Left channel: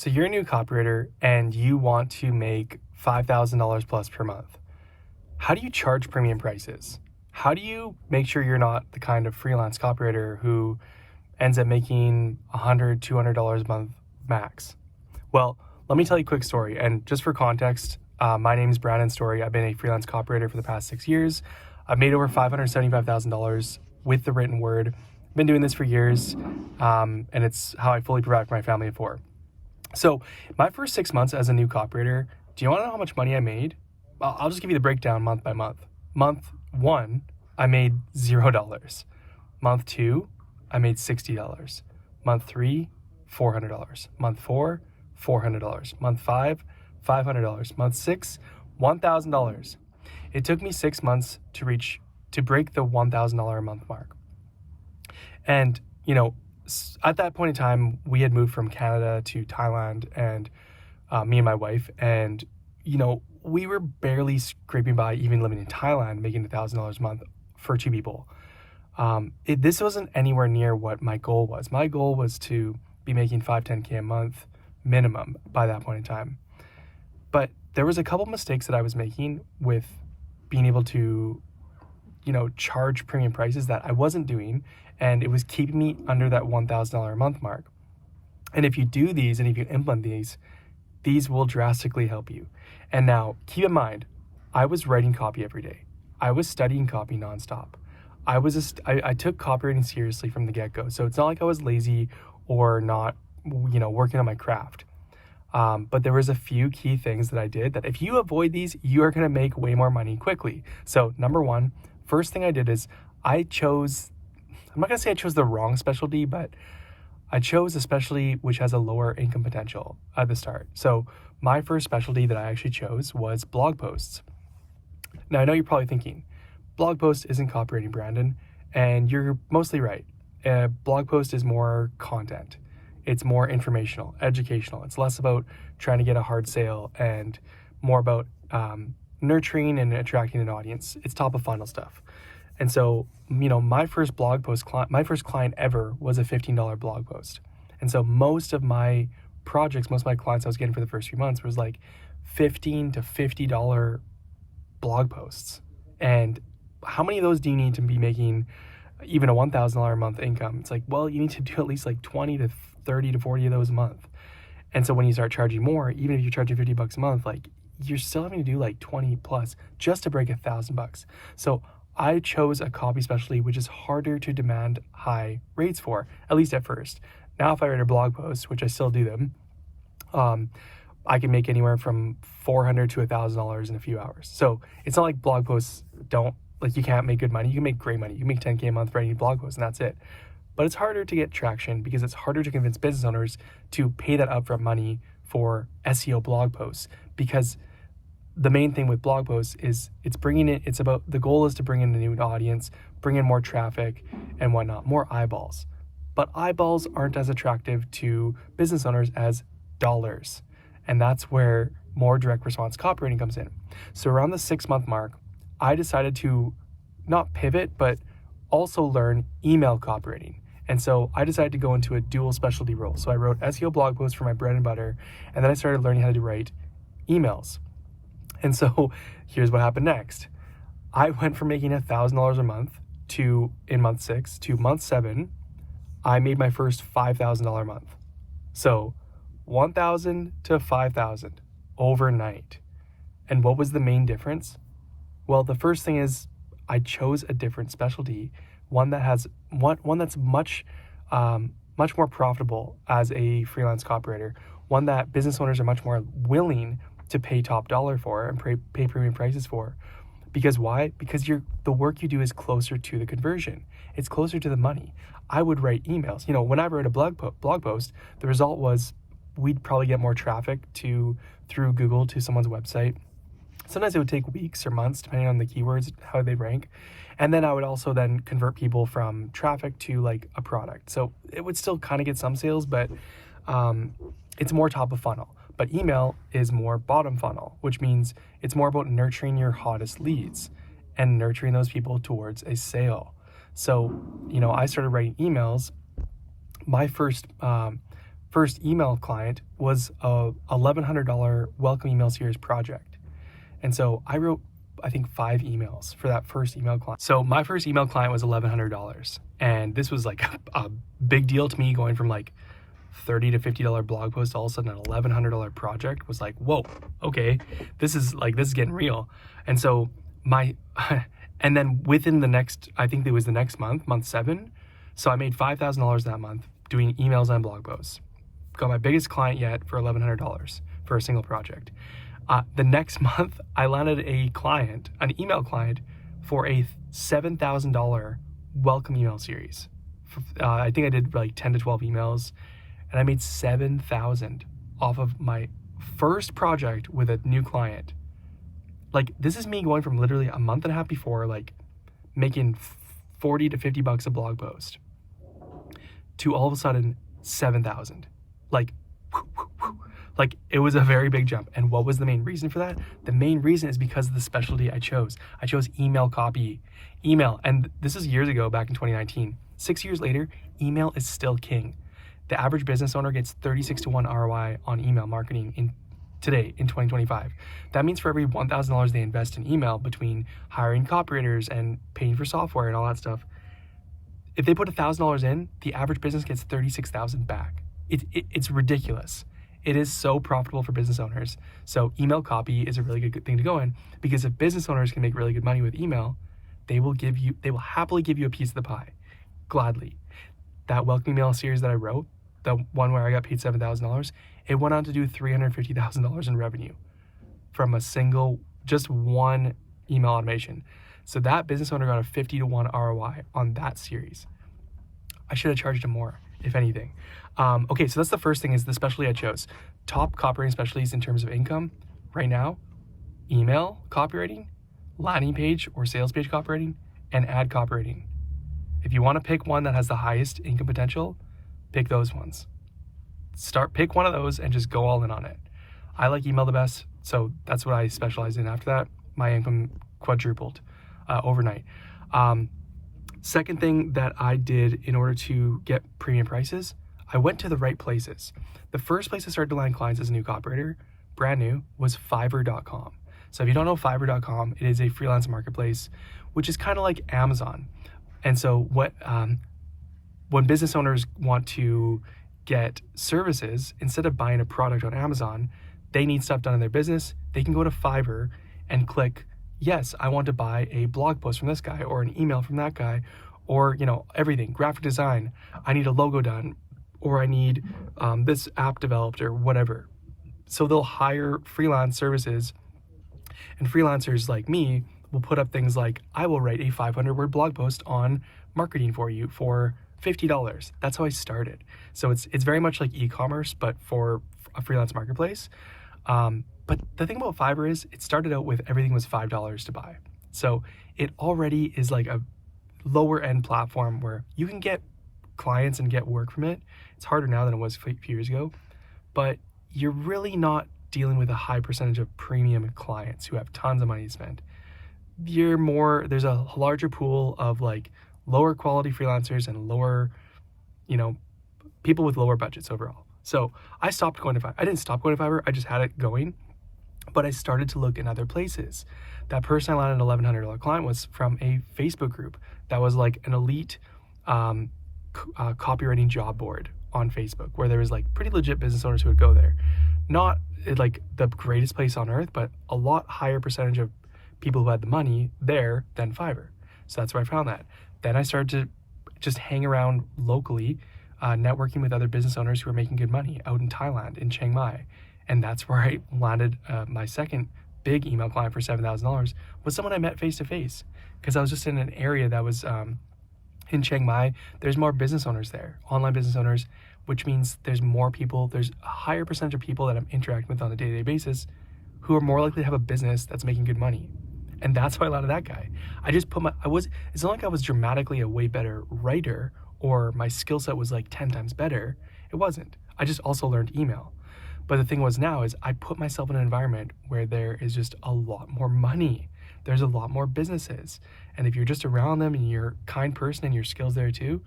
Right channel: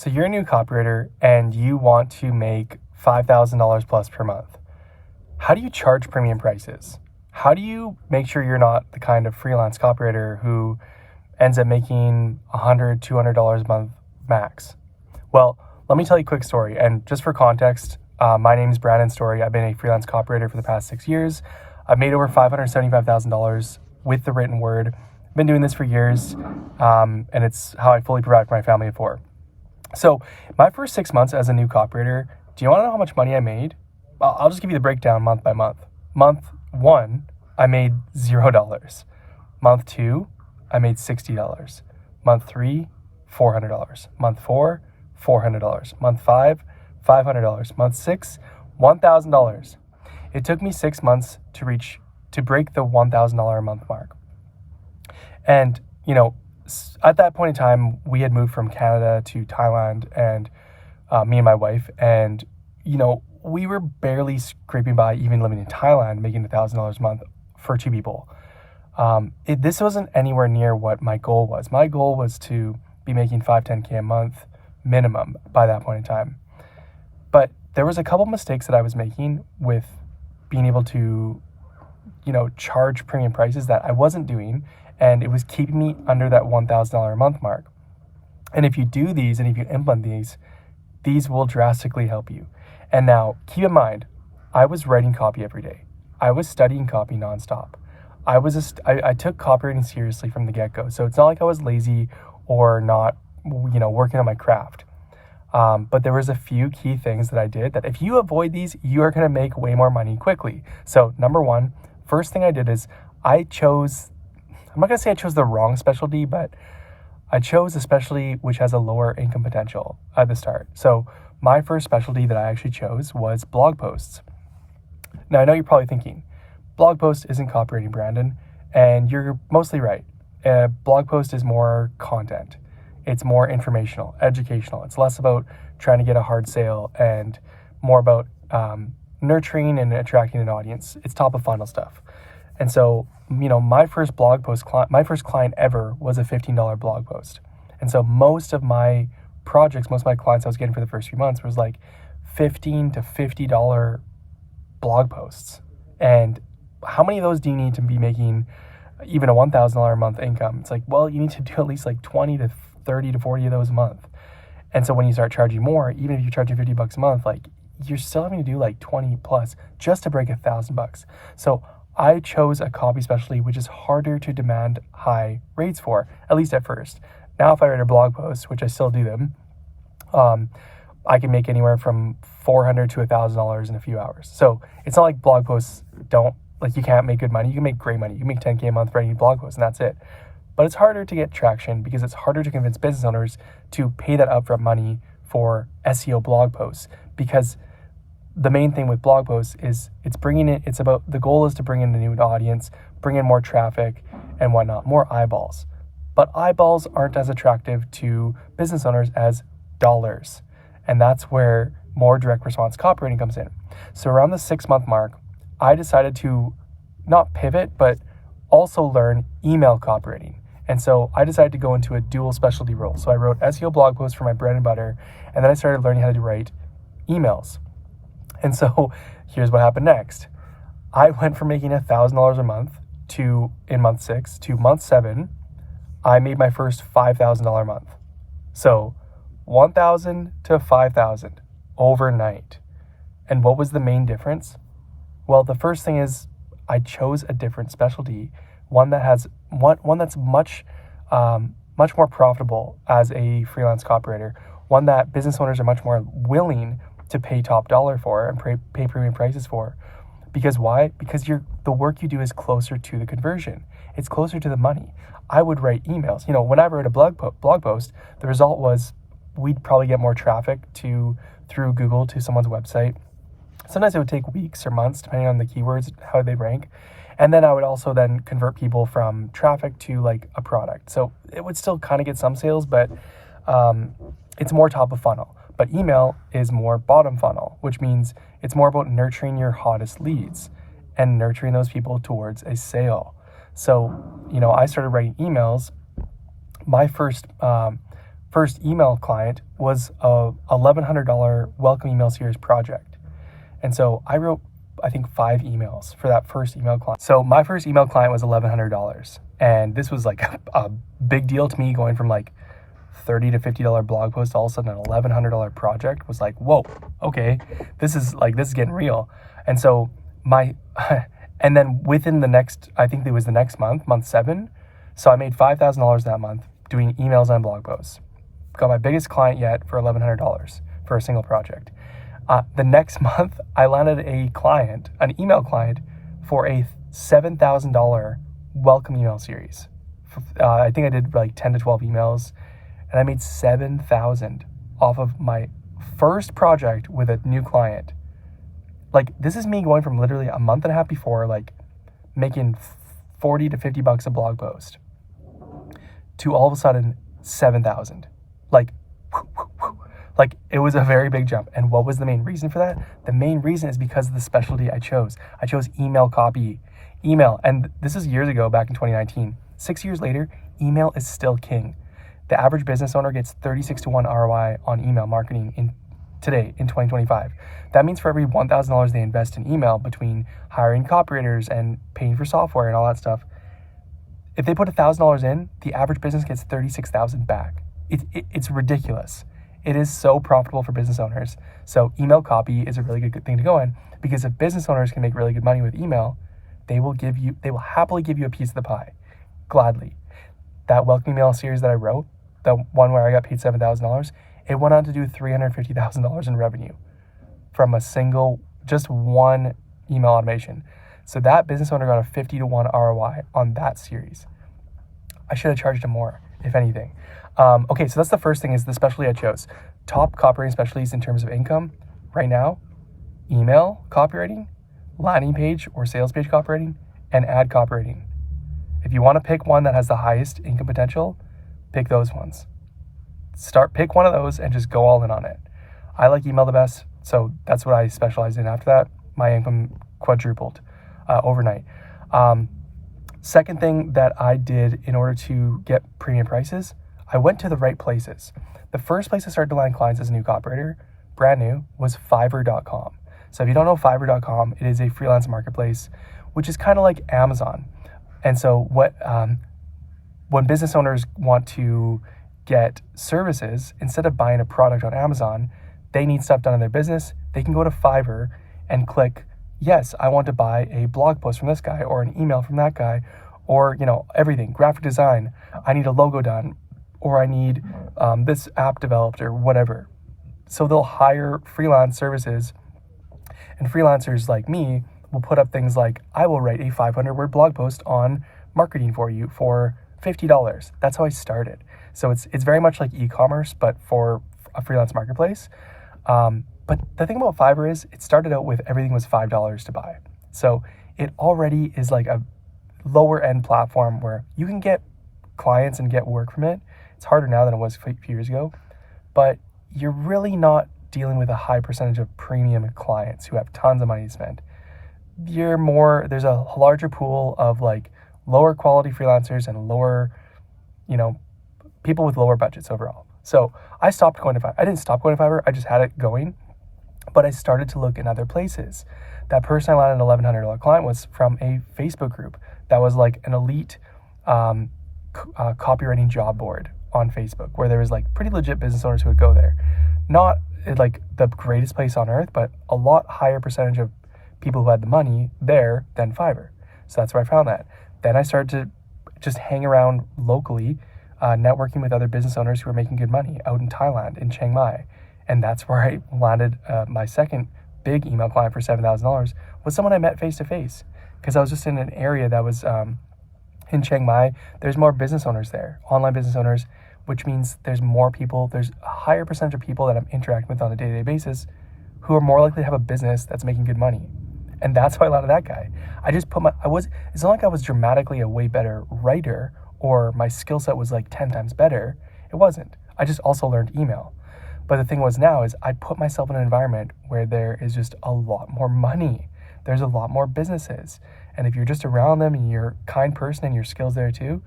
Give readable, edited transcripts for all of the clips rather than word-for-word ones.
So you're a new copywriter and you want to make $5,000 plus per month. How do you charge premium prices? How do you make sure you're not the kind of freelance copywriter who ends up making $100, $200 a month max? Well, let me tell you a quick story. And just for context, my name is Brandon Story. I've been a freelance copywriter for the past 6 years. I've made over $575,000 with the written word. I've been doing this for years, and it's how I fully provide for my family of four. So my first 6 months as a new copywriter, do you want to know how much money I made? I'll just give you the breakdown month by month. Month 1, I made $0. Month 2, I made $60. Month 3, $400. Month 4, $400. Month 5, $500. Month 6, $1,000. It took me 6 months to break the $1,000 a month mark. And, at that point in time, we had moved from Canada to Thailand, and me and my wife, and, we were barely scraping by even living in Thailand, making $1,000 a month for 2 people. This wasn't anywhere near what my goal was. My goal was to be making $5-10K a month minimum by that point in time. But there was a couple mistakes that I was making with being able to, charge premium prices that I wasn't doing, and it was keeping me under that $1,000 a month mark. And if you do these and if you implement these will drastically help you. And now, keep in mind, I was writing copy every day. I was studying copy nonstop. I took copywriting seriously from the get-go. So it's not like I was lazy or not, working on my craft. But there was a few key things that I did that if you avoid these, you are going to make way more money quickly. So number one, first thing I did is I'm not going to say I chose the wrong specialty, but I chose a specialty which has a lower income potential at the start. So my first specialty that I actually chose was blog posts. Now, I know you're probably thinking, blog post isn't copywriting, Brandon, and you're mostly right. A blog post is more content. It's more informational, educational. It's less about trying to get a hard sale and more about nurturing and attracting an audience. It's top of funnel stuff. And so, my first my first client ever was a $15 blog post. And so most of my projects, most of my clients I was getting for the first few months was like $15 to $50 blog posts. And how many of those do you need to be making even a $1,000 a month income? It's like, well, you need to do at least like 20 to 30 to 40 of those a month. And so when you start charging more, even if you're charging $50 a month, like you're still having to do like 20 plus just to break $1,000. So I chose a copy specialty which is harder to demand high rates for, at least at first. Now, if I write a blog post, which I still do them, I can make anywhere from $400 to $1,000 in a few hours. So it's not like blog posts you can't make good money. You can make great money. You can make 10K a month writing blog posts and that's it. But it's harder to get traction because it's harder to convince business owners to pay that upfront money for SEO blog posts, because the main thing with blog posts is the goal is to bring in a new audience, bring in more traffic and whatnot, more eyeballs. But eyeballs aren't as attractive to business owners as dollars. And that's where more direct response copywriting comes in. So around the 6-month mark, I decided to not pivot, but also learn email copywriting. And so I decided to go into a dual specialty role. So I wrote SEO blog posts for my bread and butter, and then I started learning how to write emails. And so here's what happened next. I went from making $1,000 a month in month 6 to month 7, I made my first $5,000 a month. So $1,000 to $5,000 overnight. And what was the main difference? Well, the first thing is I chose a different specialty, one that's much more profitable as a freelance copywriter, one that business owners are much more willing to pay top dollar for and pay premium prices for. Because why? Because the work you do is closer to the conversion. It's closer to the money. I would write emails. When I wrote a blog post, the result was we'd probably get more traffic through Google to someone's website. Sometimes it would take weeks or months, depending on the keywords, how they rank. And then I would also then convert people from traffic to like a product. So it would still kind of get some sales, but it's more top of funnel. But email is more bottom funnel, which means it's more about nurturing your hottest leads and nurturing those people towards a sale. So, I started writing emails. My first first email client was a $1,100 welcome email series project. And so I wrote, I think, 5 emails for that first email client. So my first email client was $1,100. And this was like a big deal to me, going from like $30 to $50 blog post, all of a sudden an $1,100 project was like, whoa, okay, this is getting real. And so and then within the next, I think it was the next month 7. So I made $5,000 that month doing emails and blog posts. Got my biggest client yet for $1,100 for a single project. The next month, I landed an email client for a $7,000 welcome email series. I think I did like 10 to 12 emails, and I made $7,000 off of my first project with a new client. Like, this is me going from literally a month and a half before, like, making $40 to $50 a blog post, to all of a sudden $7,000. Like, it was a very big jump. And what was the main reason for that? The main reason is because of the specialty I chose. I chose email copy. And this is years ago, back in 2019. 6 years later, email is still king. The average business owner gets 36 to 1 ROI on email marketing today in 2025. That means for every $1,000 they invest in email, between hiring copywriters and paying for software and all that stuff, if they put $1,000 in, the average business gets $36,000 back. It's ridiculous. It is so profitable for business owners. So email copy is a really good thing to go in, because if business owners can make really good money with email, they will happily give you a piece of the pie, gladly. That welcome email series that I wrote, the one where I got paid $7,000, it went on to do $350,000 in revenue from just one email automation. So that business owner got a 50 to 1 ROI on that series. I should have charged him more, if anything. Okay, so that's the first thing, is the specialty I chose. Top copywriting specialties in terms of income right now: email copywriting, landing page or sales page copywriting, and ad copywriting. If you want to pick one that has the highest income potential, pick those ones. Pick one of those and just go all in on it. I like email the best, so that's what I specialize in. After that, my income quadrupled overnight. Second thing that I did in order to get premium prices, I went to the right places. The first place I started to land clients as a new copywriter, brand new, was Fiverr.com. So if you don't know Fiverr.com, it is a freelance marketplace, which is kind of like Amazon. And so when business owners want to get services, instead of buying a product on Amazon, they need stuff done in their business, they can go to Fiverr and click, yes, I want to buy a blog post from this guy, or an email from that guy, or, everything, graphic design, I need a logo done, or I need this app developed, or whatever. So they'll hire freelance services, and freelancers like me will put up things like, I will write a 500-word blog post on marketing for you for $50. That's how I started. So it's very much like e-commerce, but for a freelance marketplace. But the thing about Fiverr is, it started out with everything was $5 to buy. So it already is like a lower end platform where you can get clients and get work from it. It's harder now than it was a few years ago, but you're really not dealing with a high percentage of premium clients who have tons of money to spend. There's a larger pool of like lower quality freelancers and lower, people with lower budgets overall. So I stopped going to Fiverr. I didn't stop going to Fiverr, I just had it going, but I started to look in other places. That person I landed an $1,100 client was from a Facebook group that was like an elite copywriting job board on Facebook, where there was like pretty legit business owners who would go there. Not like the greatest place on earth, but a lot higher percentage of people who had the money there than Fiverr. So that's where I found that. Then I started to just hang around locally, networking with other business owners who were making good money out in Thailand, in Chiang Mai. And that's where I landed my second big email client for $7,000, was someone I met face to face, because I was just in an area that was in Chiang Mai. There's more business owners there, online business owners, which means there's more people, there's a higher percentage of people that I'm interacting with on a day-to-day basis who are more likely to have a business that's making good money. And that's how I landed that guy. It's not like I was dramatically a way better writer, or my skill set was like 10 times better. It wasn't. I just also learned email. But the thing was now is I put myself in an environment where there is just a lot more money. There's a lot more businesses. And if you're just around them and you're a kind person and your skills there too,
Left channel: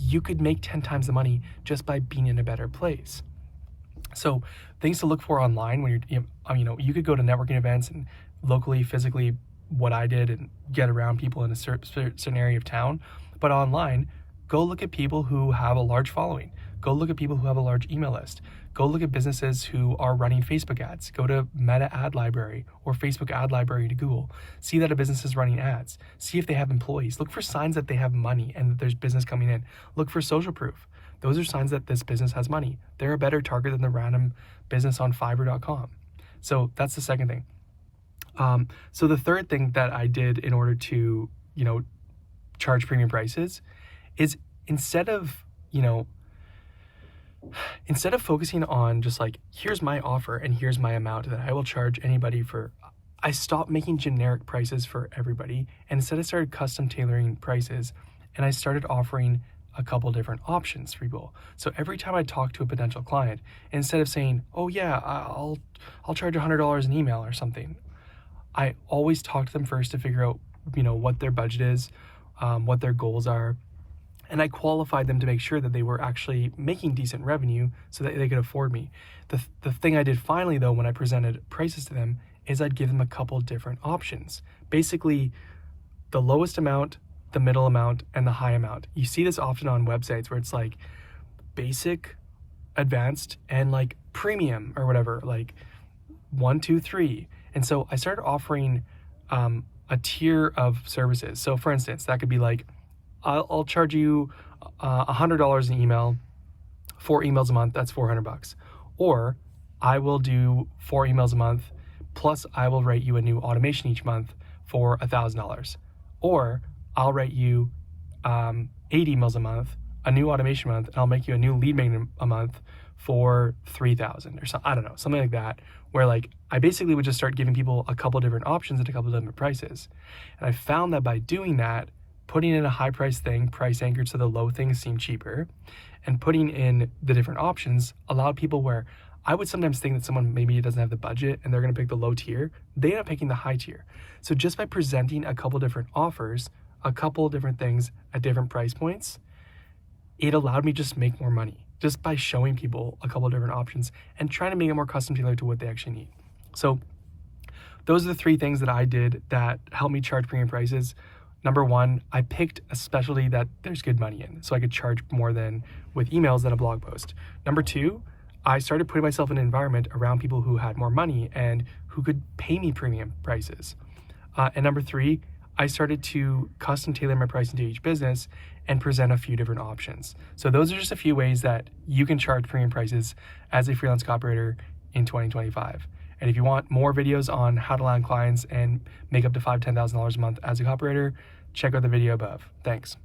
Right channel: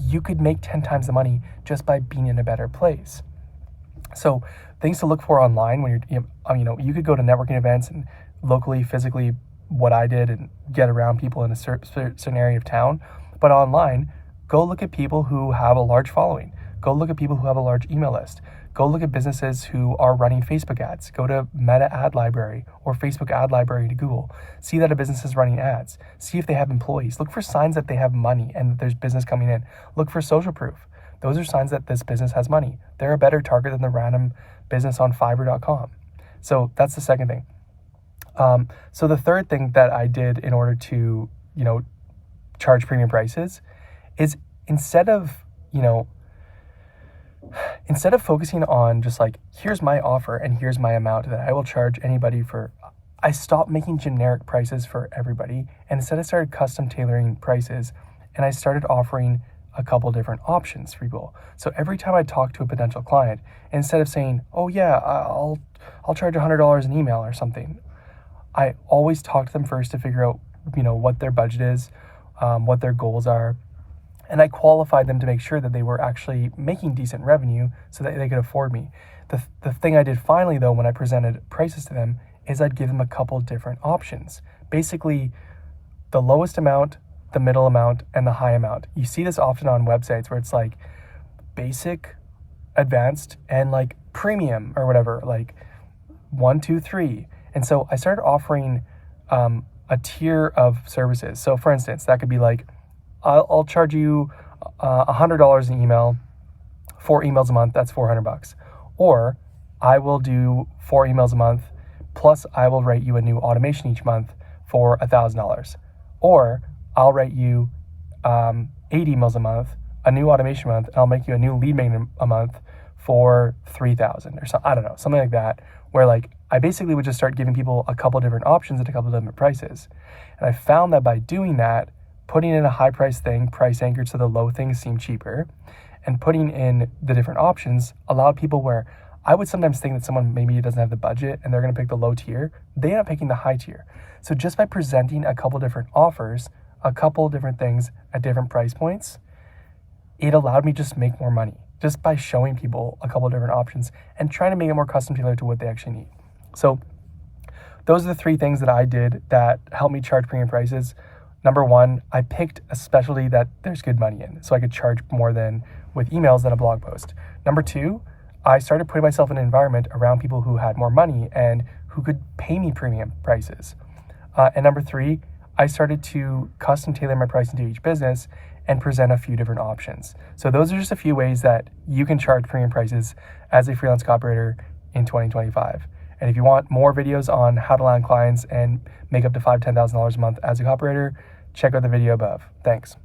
you could make 10 times the money just by being in a better place. So things to look for online when you could go to networking events and locally, physically, what I did, and get around people in a certain area of town. But online, go look at people who have a large following. Go look at people who have a large email list. Go look at businesses who are running Facebook ads. Go to Meta Ad Library or Facebook Ad Library to Google. See that a business is running ads. See if they have employees. Look for signs that they have money and that there's business coming in. Look for social proof. Those are signs that this business has money. They're a better target than the random business on Fiverr.com. So that's the second thing. So the third thing that I did in order to, charge premium prices is instead of focusing on just like, here's my offer and here's my amount that I will charge anybody for, I stopped making generic prices for everybody. And instead I started custom tailoring prices, and I started offering a couple different options for people. So every time I talk to a potential client, instead of saying, oh yeah, I'll charge $100 an email or something, I always talk to them first to figure out, what their budget is, what their goals are. And I qualified them to make sure that they were actually making decent revenue so that they could afford me. The thing I did finally, though, when I presented prices to them, is I'd give them a couple different options. Basically, the lowest amount, the middle amount, and the high amount. You see this often on websites where it's like basic, advanced, and like premium or whatever, like 1, 2, 3. And so I started offering a tier of services. So for instance, that could be like, I'll charge you $100 an email, 4 emails a month, that's $400. Or I will do 4 emails a month, plus I will write you a new automation each month for $1,000. Or I'll write you 8 emails a month, a new automation month, and I'll make you a new lead magnet a month for $3,000 or something. I don't know, something like that, where like I basically would just start giving people a couple different options at a couple different prices. And I found that by doing that, putting in a high price thing, price anchored so the low things seem cheaper, and putting in the different options allowed people where I would sometimes think that someone maybe doesn't have the budget and they're going to pick the low tier, they end up picking the high tier. So just by presenting a couple different offers, a couple different things at different price points, it allowed me just to make more money just by showing people a couple different options and trying to make it more custom tailored to what they actually need. So those are the 3 things that I did that helped me charge premium prices. Number 1, I picked a specialty that there's good money in, so I could charge more than with emails than a blog post. Number 2, I started putting myself in an environment around people who had more money and who could pay me premium prices. And number 3, I started to custom tailor my pricing to each business and present a few different options. So those are just a few ways that you can charge premium prices as a freelance copywriter in 2025. And if you want more videos on how to land clients and make up to $5,000 to $10,000 a month as a copywriter, check out the video above. Thanks.